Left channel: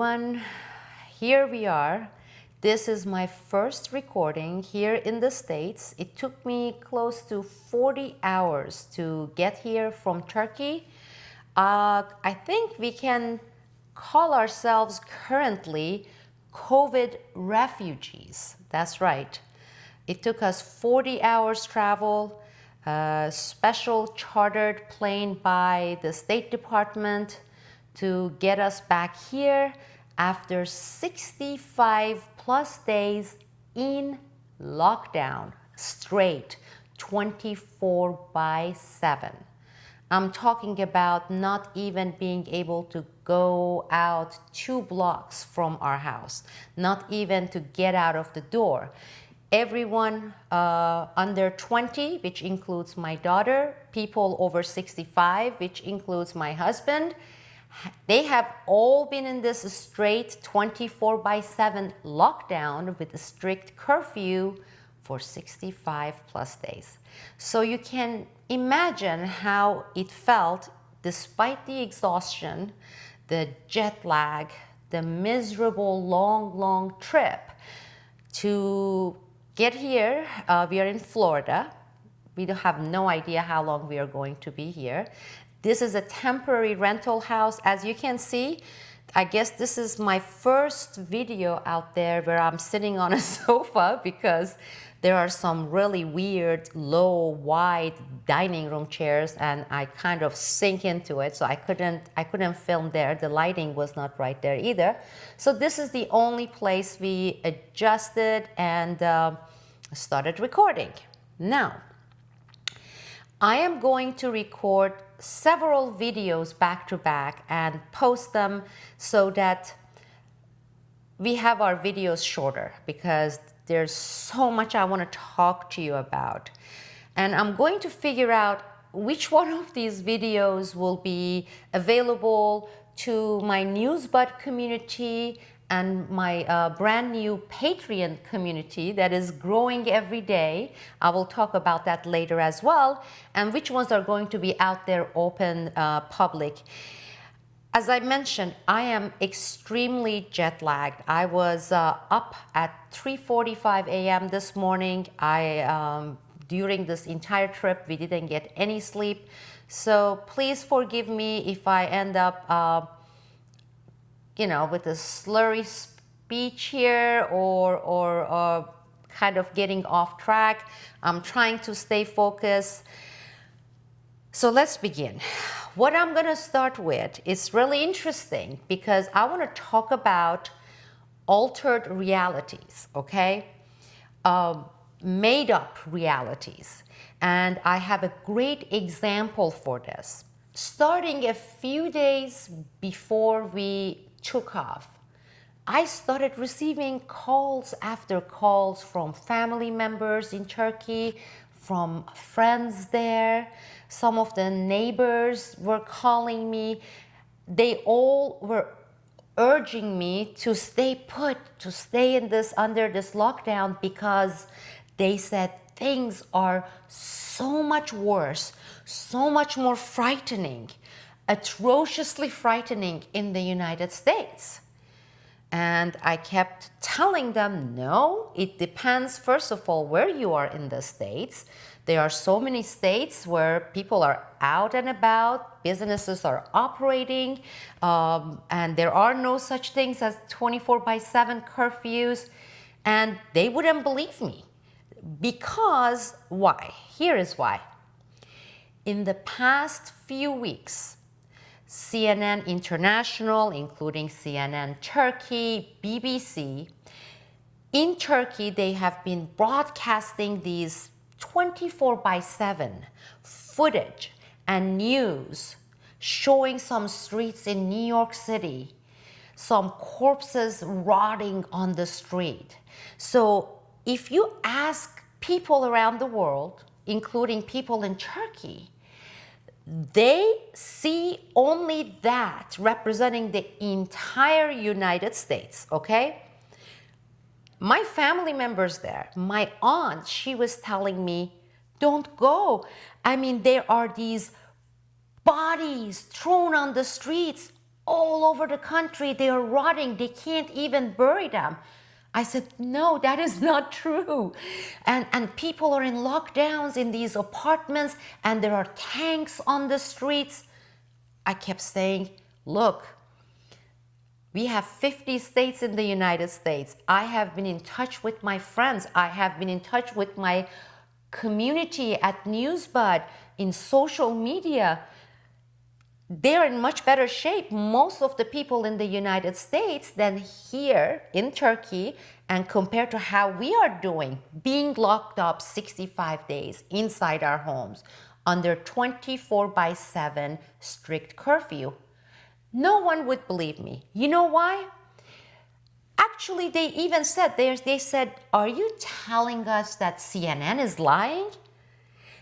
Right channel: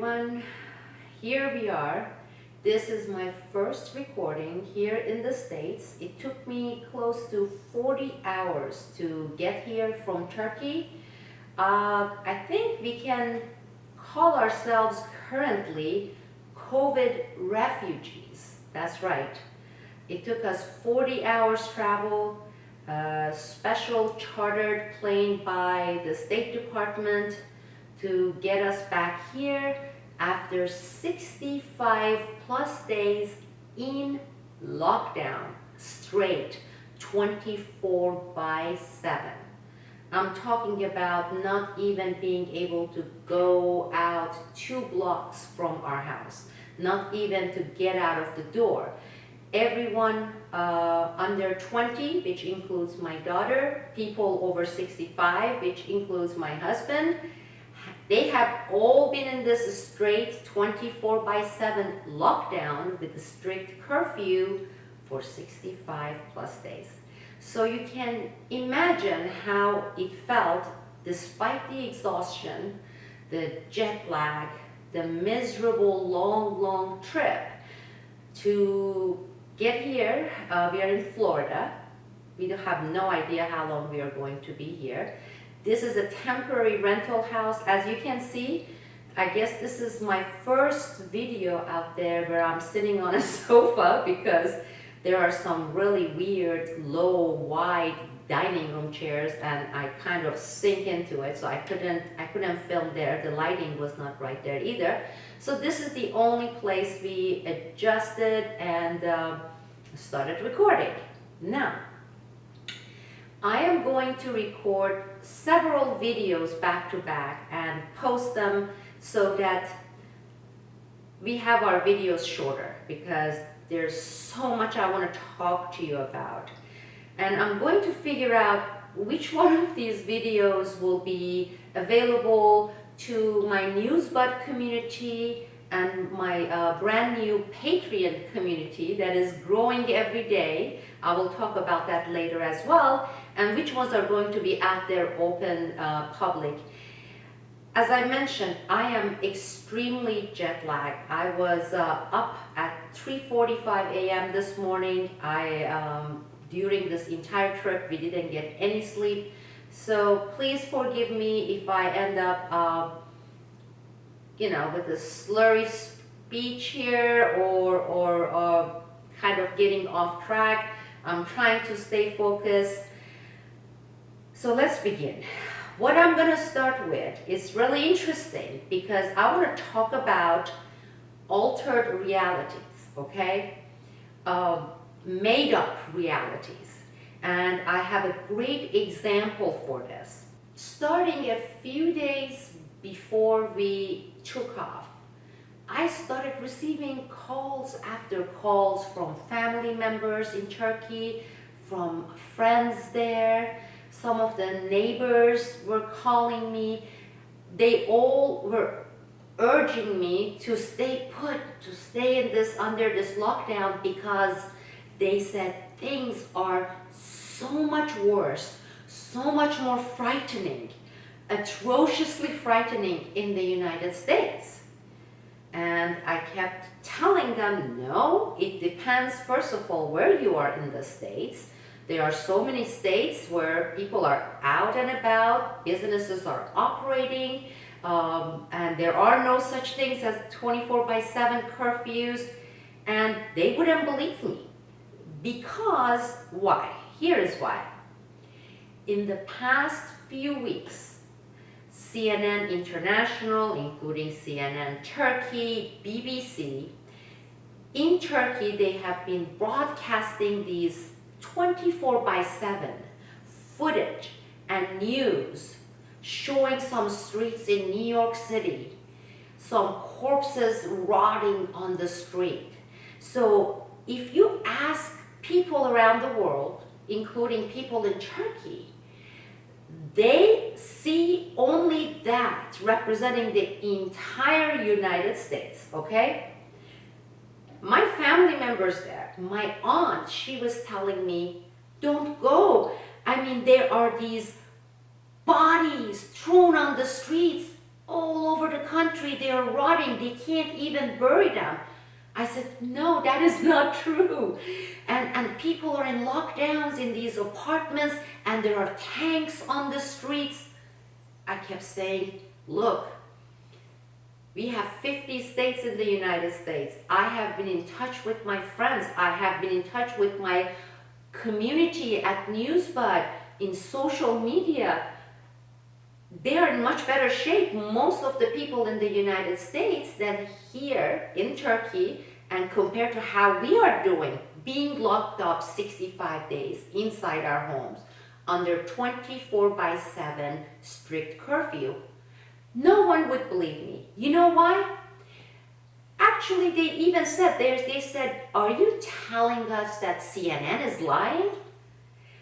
everyone. Here we are. This is my first recording here in the States. It took me close to 40 hours to get here from Turkey. I think we can call ourselves currently COVID refugees. That's right. It took us 40 hours travel, a special chartered plane by the State Department to get us back here after 65 plus days in lockdown, straight 24/7. I'm talking about not even being able to go out 2 blocks from our house, not even to get out of the door. Everyone under 20, which includes my daughter, people over 65, which includes my husband, they have all been in this straight 24/7 lockdown with a strict curfew for 65 plus days. So you can imagine how it felt despite the exhaustion, the jet lag, the miserable long trip to get here. We are in Florida. We have no idea how long we are going to be here. This is a temporary rental house. As you can see, I guess this is my first video out there where I'm sitting on a sofa because there are some really weird, low, wide dining room chairs and I kind of sink into it, so I couldn't film there. The lighting was not right there either. So this is the only place we adjusted and started recording. Now, I am going to record several videos back to back and post them so that we have our videos shorter because there's so much I want to talk to you about. And I'm going to figure out which one of these videos will be available to my NewsBud community and my brand new Patreon community that is growing every day. I will talk about that later as well, and which ones are going to be out there open public. As I mentioned, I am extremely jet lagged. I was up at 3:45 a.m. this morning. During this entire trip, we didn't get any sleep. So please forgive me if I end up with a slurry speech here or kind of getting off track. I'm trying to stay focused. So let's begin. What I'm going to start with is really interesting because I want to talk about altered realities, okay? Made up realities. And I have a great example for this. Starting a few days before we took off, I started receiving calls after calls from family members in Turkey, from friends there. Some of the neighbors were calling me. They all were urging me to stay put, to stay under this lockdown because they said things are so much worse, so much more frightening, atrociously frightening in the United States. And I kept telling them, no, it depends, first of all, where you are in the States. There are so many states where people are out and about, businesses are operating, and there are no such things as 24/7 curfews, and they wouldn't believe me. Because why? Here is why. In the past few weeks, CNN International, including CNN Turkey, BBC, in Turkey they have been broadcasting these 24/7 footage and news showing some streets in New York City, some corpses rotting on the street. So if you ask people around the world, including people in Turkey, they see only that representing the entire United States, okay? My family members there, my aunt, she was telling me, don't go. I mean, there are these bodies thrown on the streets all over the country. They are rotting. They can't even bury them. I said, no, that is not true. And people are in lockdowns in these apartments, and there are tanks on the streets. I kept saying, look, we have 50 states in the United States. I have been in touch with my friends. I have been in touch with my community at NewsBud, in social media. They're in much better shape, most of the people in the United States, than here in Turkey, and compared to how we are doing, being locked up 65 days inside our homes under 24/7 strict curfew. No one would believe me. You know why? Actually, they even said, they said, are you telling us that CNN is lying?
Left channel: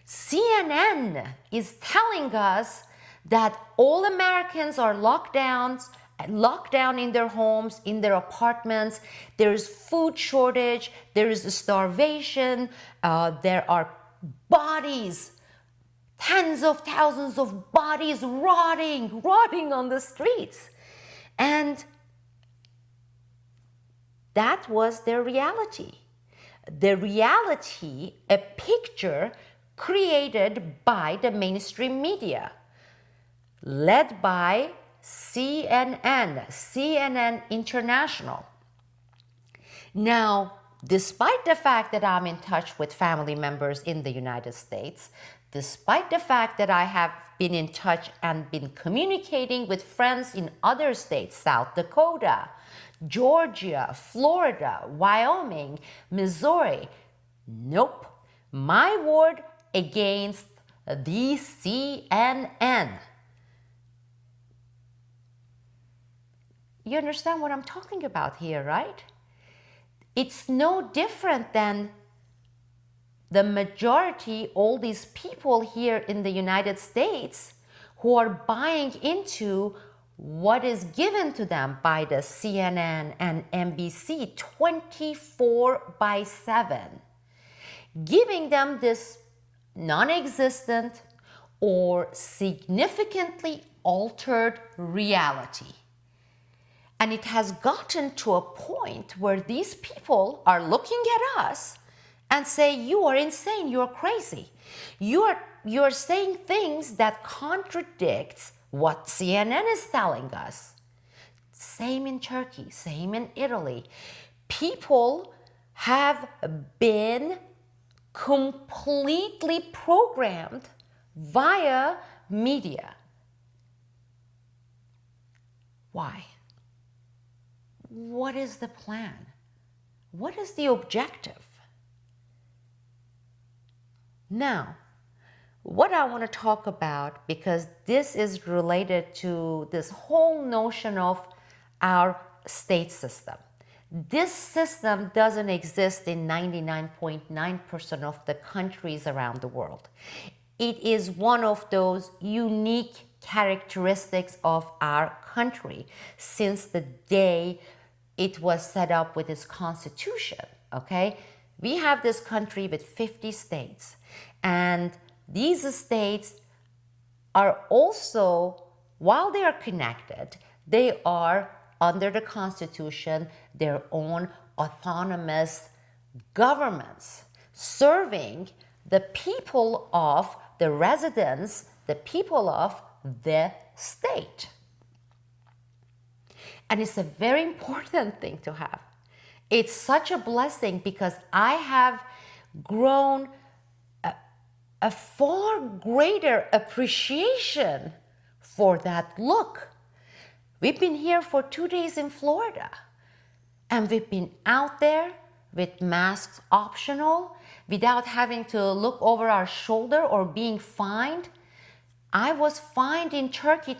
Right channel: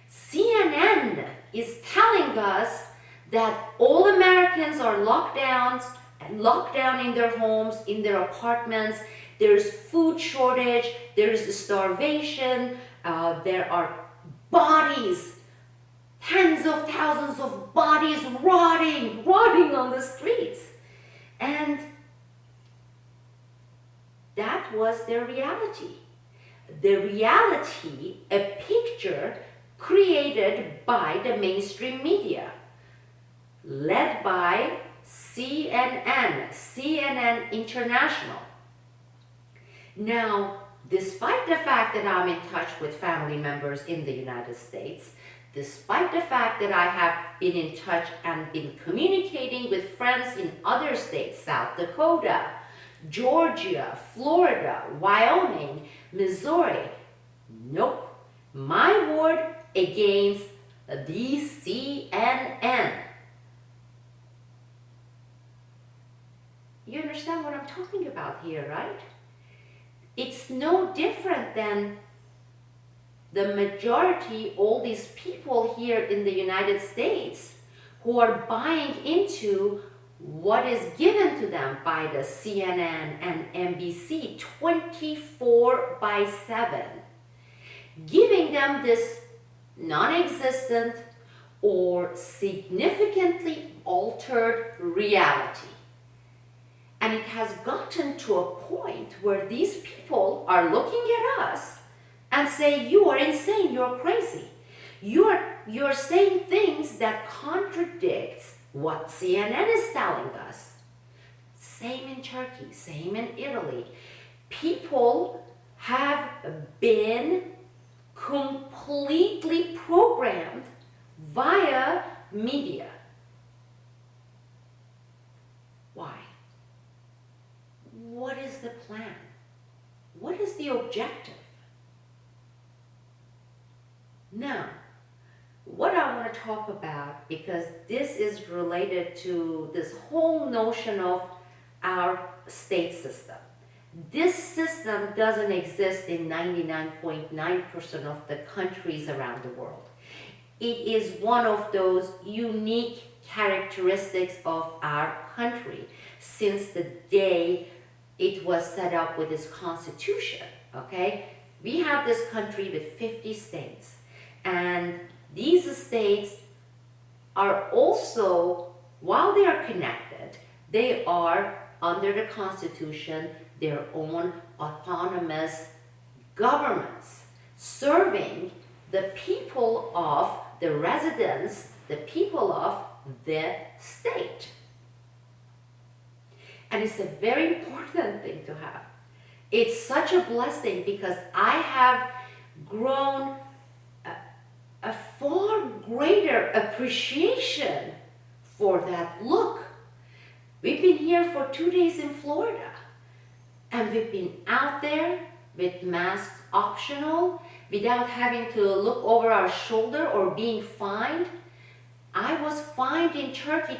CNN is telling us that all Americans are locked down in their homes, in their apartments. There's food shortage, there is starvation, there are bodies, tens of thousands of bodies rotting on the streets. And that was their reality. The reality, a picture created by the mainstream media, led by CNN International. Now, despite the fact that I'm in touch with family members in the United States, despite the fact that I have been in touch and been communicating with friends in other states, South Dakota, Georgia, Florida, Wyoming, Missouri, nope, my word against the CNN. You understand what I'm talking about here, right? It's no different than the majority, all these people here in the United States who are buying into what is given to them by the CNN and NBC 24/7, giving them this non-existent or significantly altered reality. And it has gotten to a point where these people are looking at us and say, you are insane, you're crazy. You're saying things that contradict what CNN is telling us. Same in Turkey, same in Italy. People have been completely programmed via media. Why? What is the plan? What is the objective? Now, what I want to talk about, because this is related to this whole notion of our state system. This system doesn't exist in 99.9% of the countries around the world. It is one of those unique characteristics of our country since the day it was set up with its constitution, okay? We have this country with 50 states, and these states are also, while they are connected, they are under the constitution their own autonomous governments, serving the people of the residents, the people of the state. And it's a very important thing to have. It's such a blessing because I have grown a far greater appreciation for that. Look, we've been here for 2 days in Florida, and we've been out there with masks optional, without having to look over our shoulder or being fined. I was fined in Turkey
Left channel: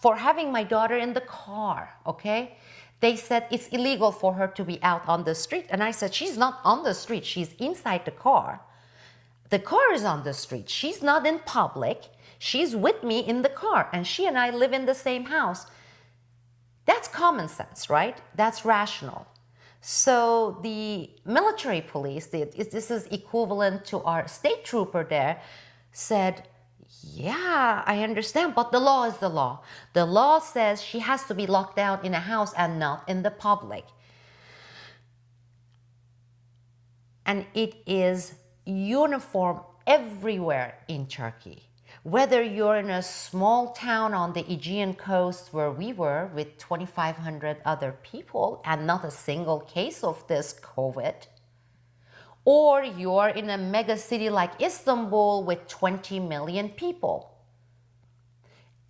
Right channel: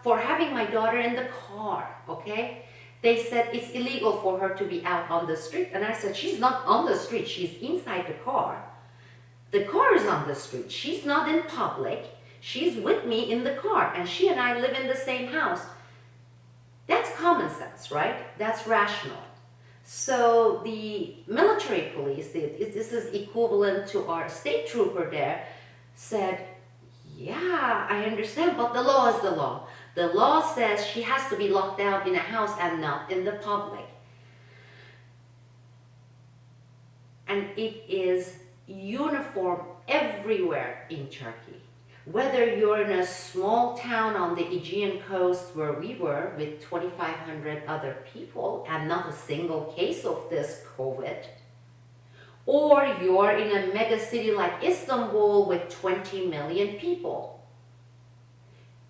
for having my daughter in the car, okay? They said it's illegal for her to be out on the street. And I said, she's not on the street, she's inside the car. The car is on the street, she's not in public, she's with me in the car, and she and I live in the same house. That's common sense, right? That's rational. So the military police, this is equivalent to our state trooper there, said, Yeah, I understand, but the law is the law. The law says she has to be locked down in a house and not in the public. And it is uniform everywhere in Turkey. Whether you're in a small town on the Aegean coast where we were with 2,500 other people and not a single case of this COVID, or you're in a mega city like Istanbul with 20 million people,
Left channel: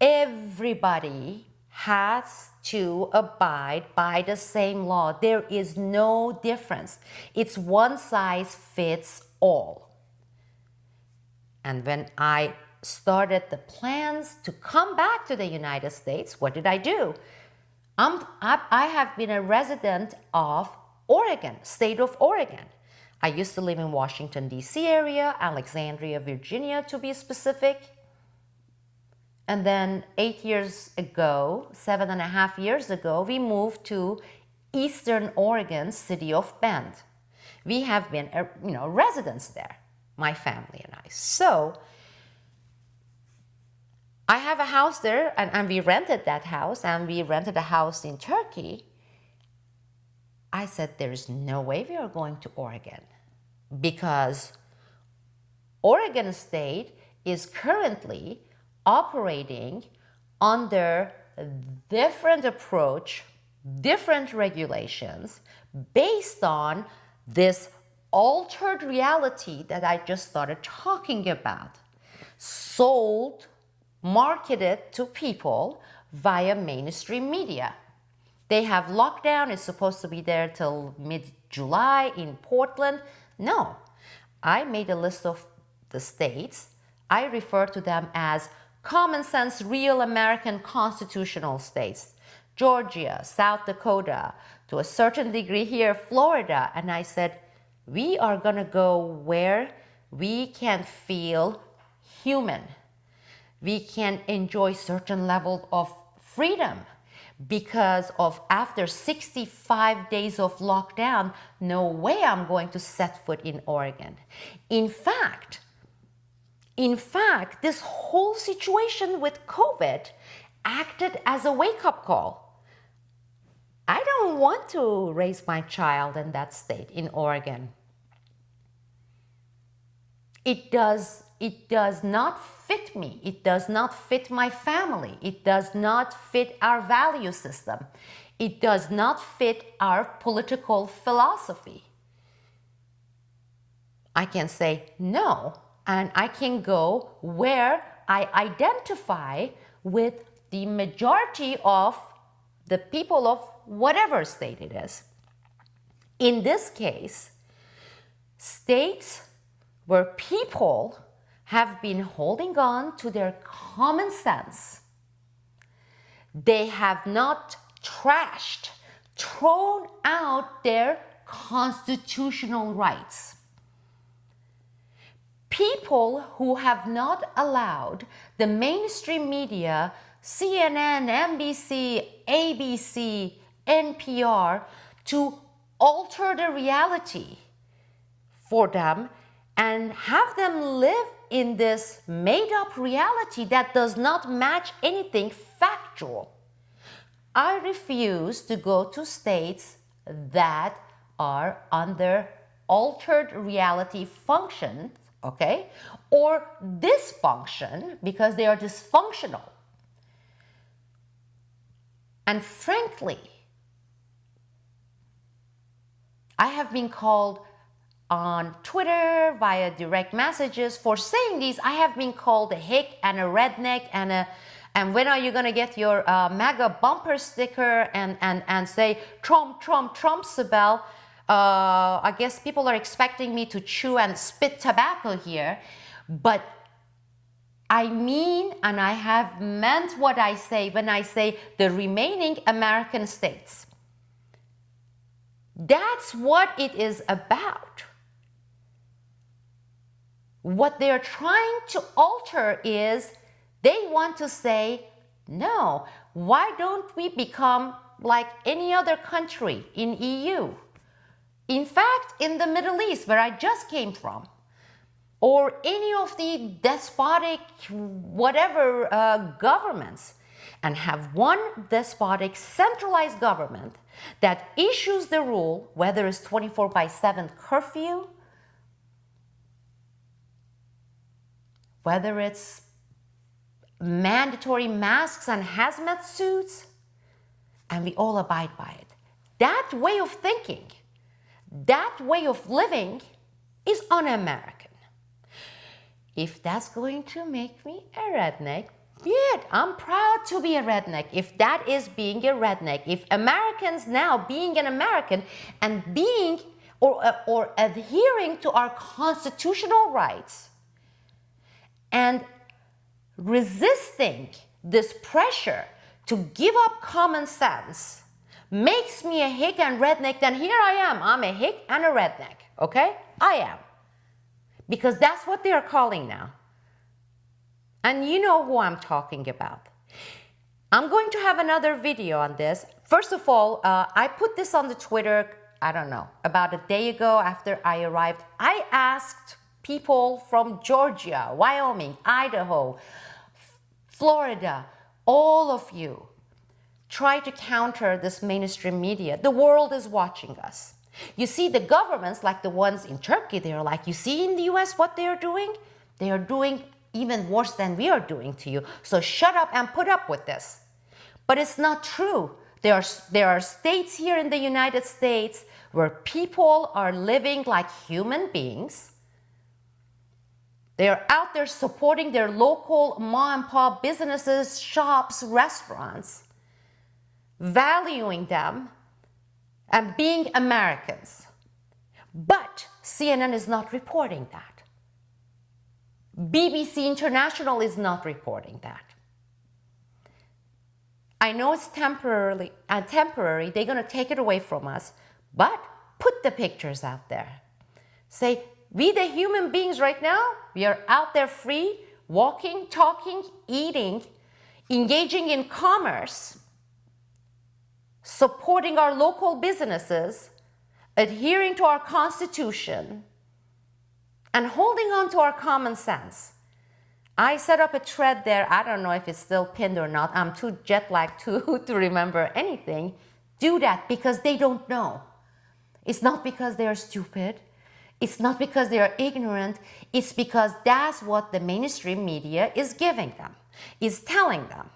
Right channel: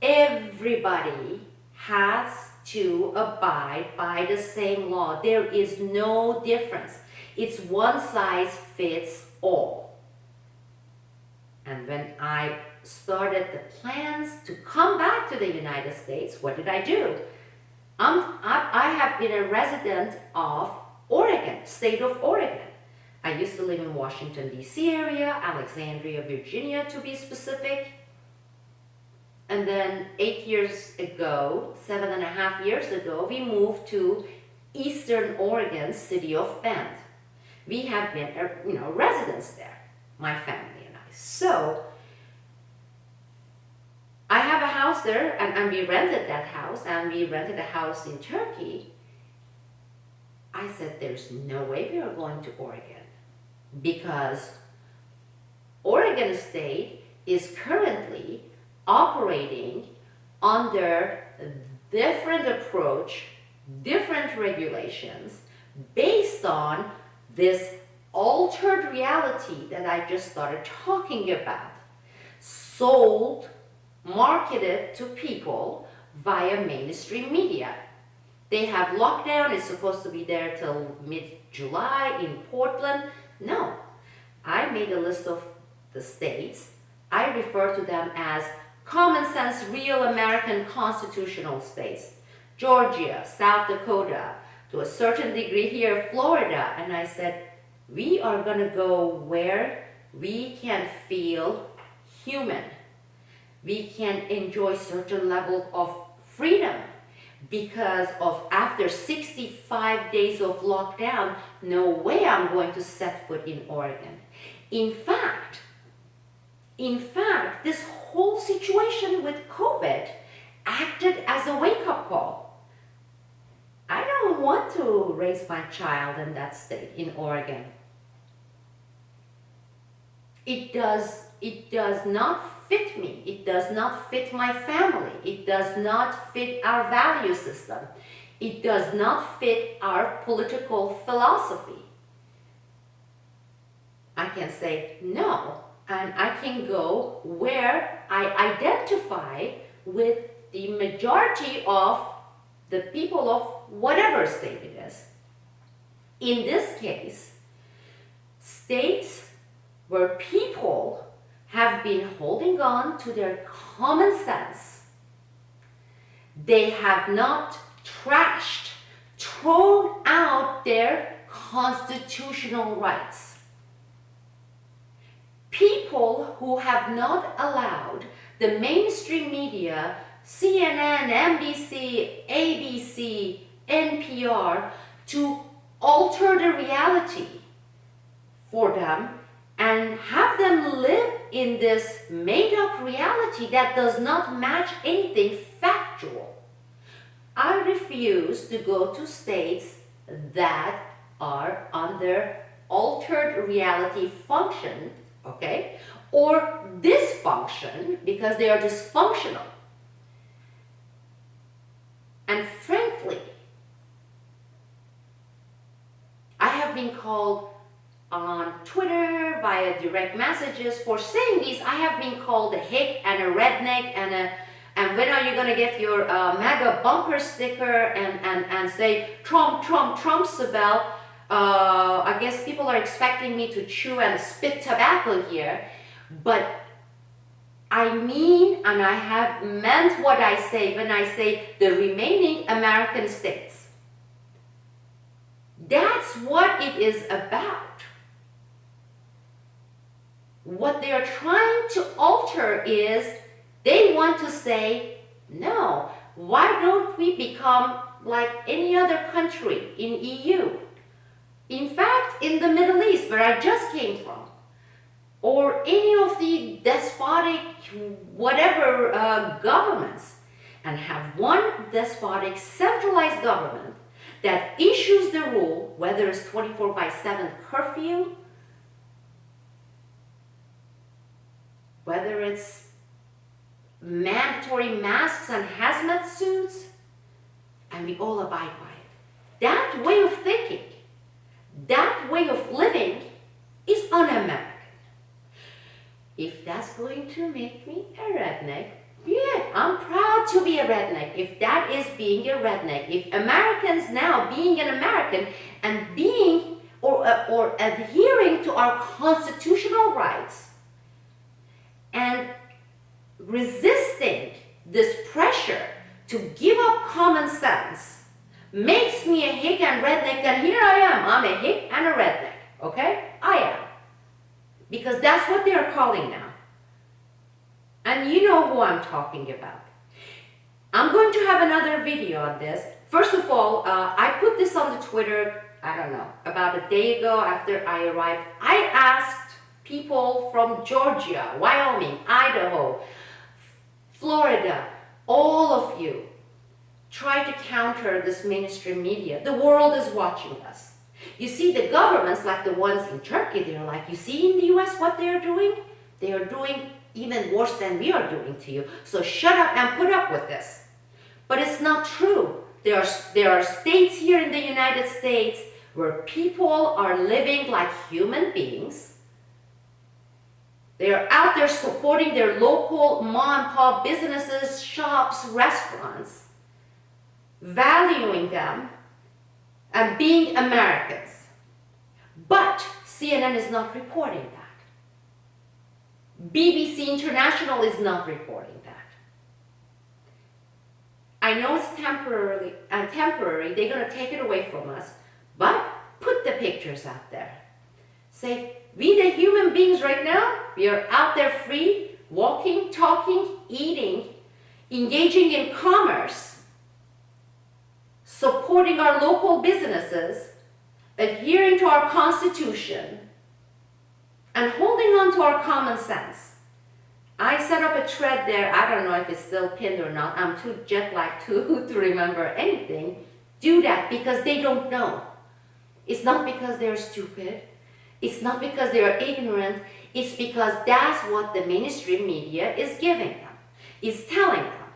everybody has to abide by the same law. There is no difference. It's one size fits all. And when I started the plans to come back to the United States, what did I do? I have been a resident of Oregon, state of Oregon. I used to live in Washington, D.C. area, Alexandria, Virginia to be specific. And then 8 years ago, 7.5 years ago, we moved to Eastern Oregon, city of Bend. We have been, residents there, my family and I. So I have a house there, and we rented that house, and we rented a house in Turkey. I said, there's no way we are going to Oregon, because Oregon State is currently operating under a different approach, different regulations, based on this altered reality that I just started talking about, sold, marketed to people via mainstream media. They have lockdown, it's supposed to be there till mid-July in Portland. No, I made a list of the states. I refer to them as common sense, real American constitutional states. Georgia, South Dakota, to a certain degree here, Florida. And I said, we are gonna go where we can feel human. We can enjoy certain level of freedom, because of after 65 days of lockdown, no way I'm going to set foot in Oregon. In fact, this whole situation with COVID acted as a wake-up call. I don't want to raise my child in that state, in Oregon. It does not fit me. It does not fit my family. It does not fit our value system. It does not fit our political philosophy. I can say no, and I can go where I identify with the majority of the people of whatever state it is. In this case, states where people have been holding on to their common sense. They have not trashed, thrown out their constitutional rights. People who have not allowed the mainstream media, CNN, NBC, ABC, NPR, to alter the reality for them and have them live in this made-up reality that does not match anything factual. I refuse to go to states that are under altered reality function, okay, or dysfunction, because they are dysfunctional. And frankly, I have been called on Twitter via direct messages for saying these. I have been called a hick and a redneck and when are you gonna get your MAGA bumper sticker and say Trump, Trump, Trumpsabel. I guess people are expecting me to chew and spit tobacco here, but I mean, and I have meant what I say when I say the remaining American states. That's what it is about. What they're trying to alter is they want to say, no, why don't we become like any other country in EU? In fact, in the Middle East, where I just came from, or any of the despotic whatever governments, and have one despotic centralized government that issues the rule, whether it's 24/7 curfew, whether it's mandatory masks and hazmat suits, and we all abide by it. That way of thinking, that way of living is un-American. If that's going to make me a redneck, yeah, I'm proud to be a redneck. If that is being a redneck, if Americans now being an American and being or adhering to our constitutional rights and resisting this pressure to give up common sense makes me a hick and redneck, then here I am. I'm a hick and a redneck, okay? I am. Because that's what they are calling now. And you know who I'm talking about. I'm going to have another video on this. First of all, I put this on the Twitter, I don't know, about a day ago after I arrived. I asked people from Georgia, Wyoming, Idaho, Florida, all of you, try to counter this mainstream media. The world is watching us. You see, the governments, like the ones in Turkey, they're like, you see in the US what they are doing? They are doing even worse than we are doing to you. So shut up and put up with this. But it's not true. There are states here in the United States where people are living like human beings. They're out there supporting their local mom and pop businesses, shops, restaurants, valuing them and being Americans. But CNN is not reporting that. BBC International is not reporting that. I know it's temporary, they're going to take it away from us, but put the pictures out there. Say, we the human beings right now, we are out there free, walking, talking, eating, engaging in commerce, supporting our local businesses, adhering to our Constitution, and holding on to our common sense. I set up a thread there. I don't know if it's still pinned or not. I'm too jet lagged to remember anything. Do that because they don't know. It's not because they're stupid. It's not because they're ignorant. It's because that's what the mainstream media is giving them, is telling them.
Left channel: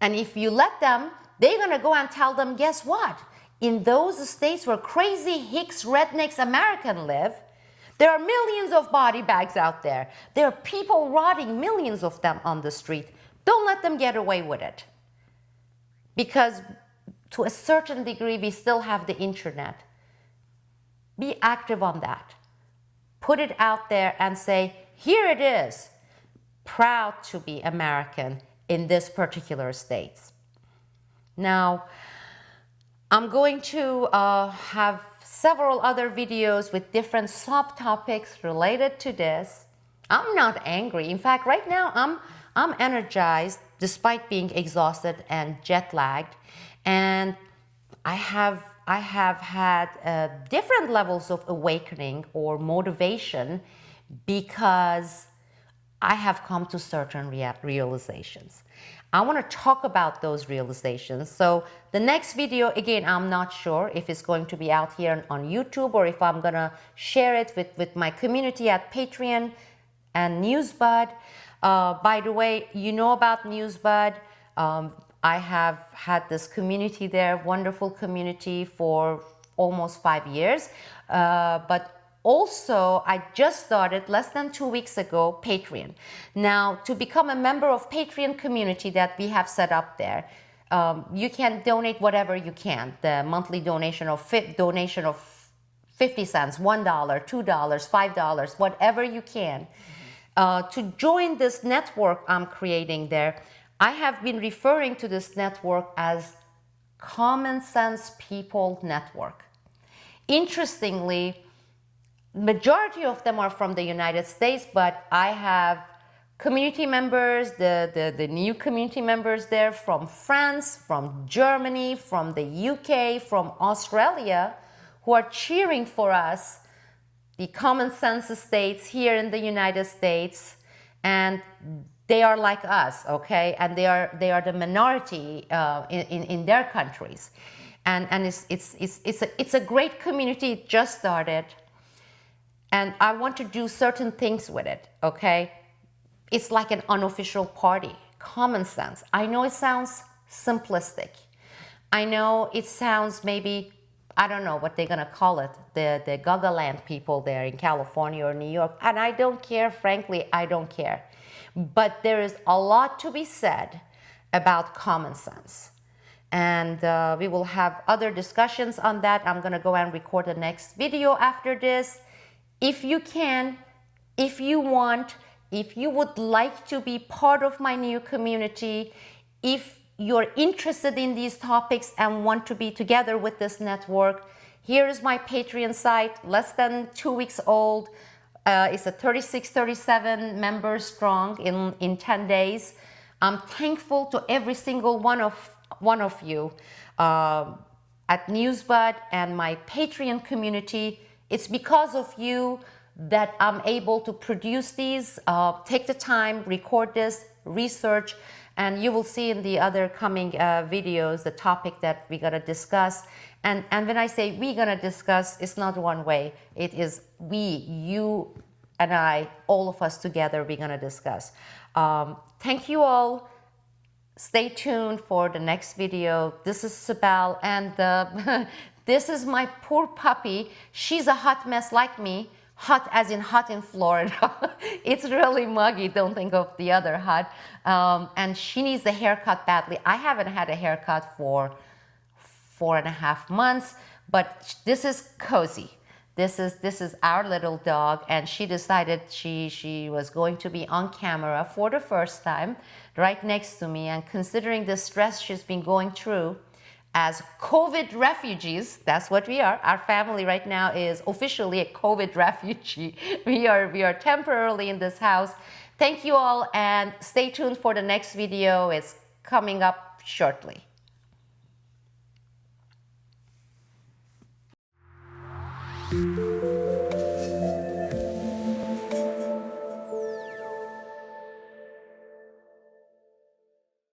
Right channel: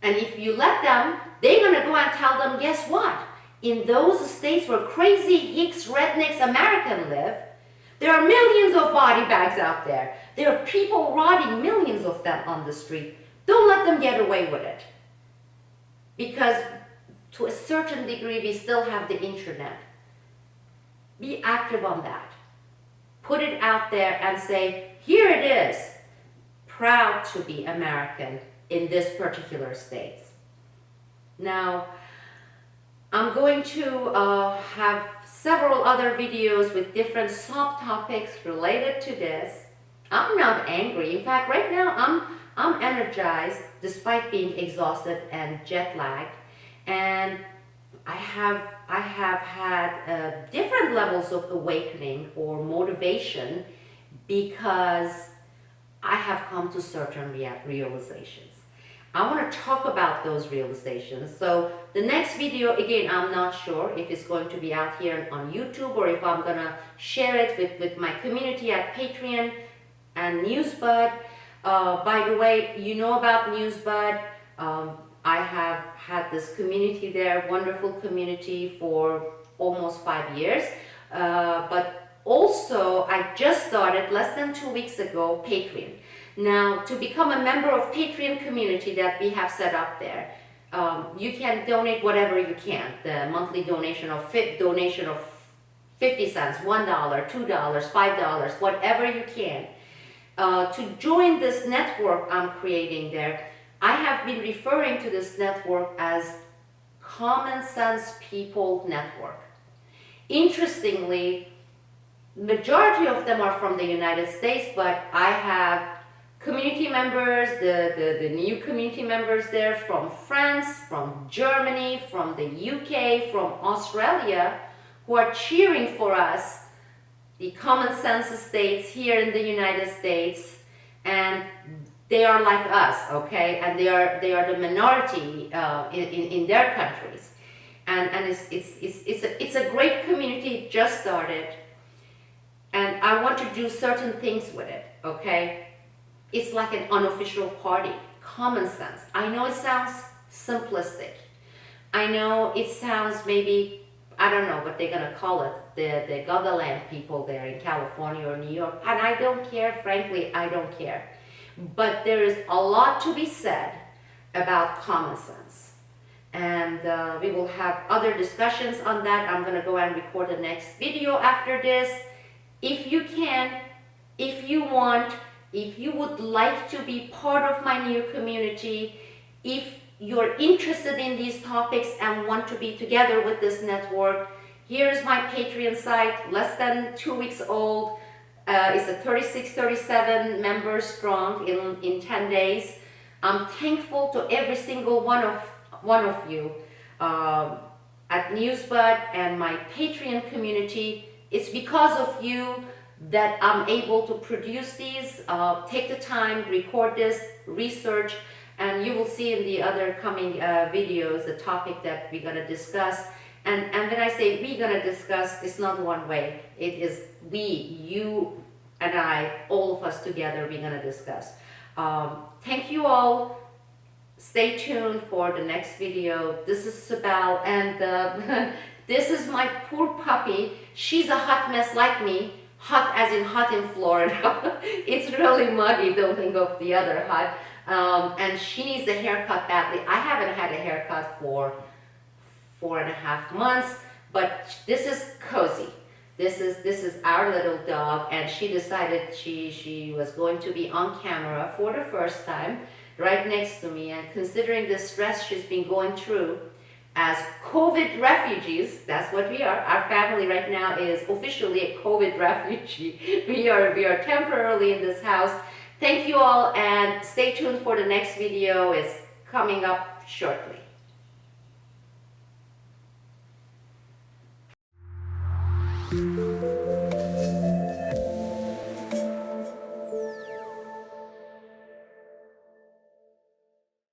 And if you let them, they're going to go and tell them, guess what? In those states where crazy hicks, rednecks, Americans live, there are millions of body bags out there. There are people rotting, millions of them on the street. Don't let them get away with it. Because to a certain degree, we still have the internet. Be active on that. Put it out there and say, here it is. Proud to be American in this particular state. Now, I'm going to have several other videos with different subtopics related to this. I'm not angry. In fact, right now I'm energized despite being exhausted and jet lagged, and I have had different levels of awakening or motivation because I have come to certain realizations. I want to talk about those realizations. So the next video, again, I'm not sure if it's going to be out here on YouTube or if I'm going to share it with my community at Patreon and Newsbud. By the way, you know about Newsbud. I have had this community there, wonderful community for almost 5 years. But also, I just started less than 2 weeks ago, Patreon. Now, to become a member of Patreon community that we have set up there, you can donate whatever you can. The monthly donation of 50 cents, $1, $2, $5, whatever you can. To join this network I'm creating there, I have been referring to this network as Common Sense People Network. Interestingly, majority of them are from the United States, but I have community members, the new community members there from France, from Germany, from the UK, from Australia, who are cheering for us the common sense states here in the United States, and they are like us, okay, and they are the minority in their countries, and it's a great community. It just started, and I want to do certain things with it, okay. It's like an unofficial party. Common sense. I know it sounds simplistic. I know it sounds maybe, I don't know what they're gonna call it, the Gagaland people there in California or New York, and I don't care, frankly, I don't care. But there is a lot to be said about common sense. And we will have other discussions on that. I'm gonna go and record the next video after this. If you can, if you want, if you would like to be part of my new community, if you're interested in these topics and want to be together with this network, here is my Patreon site, less than 2 weeks old. It's a 37 members strong in 10 days. I'm thankful to every single one of you at NewsBud and my Patreon community. It's because of you that I'm able to produce these, take the time, record this, research, and you will see in the other coming videos the topic that we're gonna discuss. And when I say we're gonna discuss, it's not one way. It is we, you and I, all of us together, we're gonna discuss. Thank you all. Stay tuned for the next video. This is Sibel, and this is my poor puppy. She's a hot mess like me. Hot as in hot in Florida. It's really muggy, don't think of the other hot. And she needs a haircut badly. I haven't had a haircut for 4.5 months, but this is Cozy. This is our little dog, and she decided she was going to be on camera for the first time right next to me. And considering the stress she's been going through as COVID refugees, that's what we are. Our family right now is officially a COVID refugee. We are temporarily in this house. Thank you all, and stay tuned for the next video. It's coming up shortly.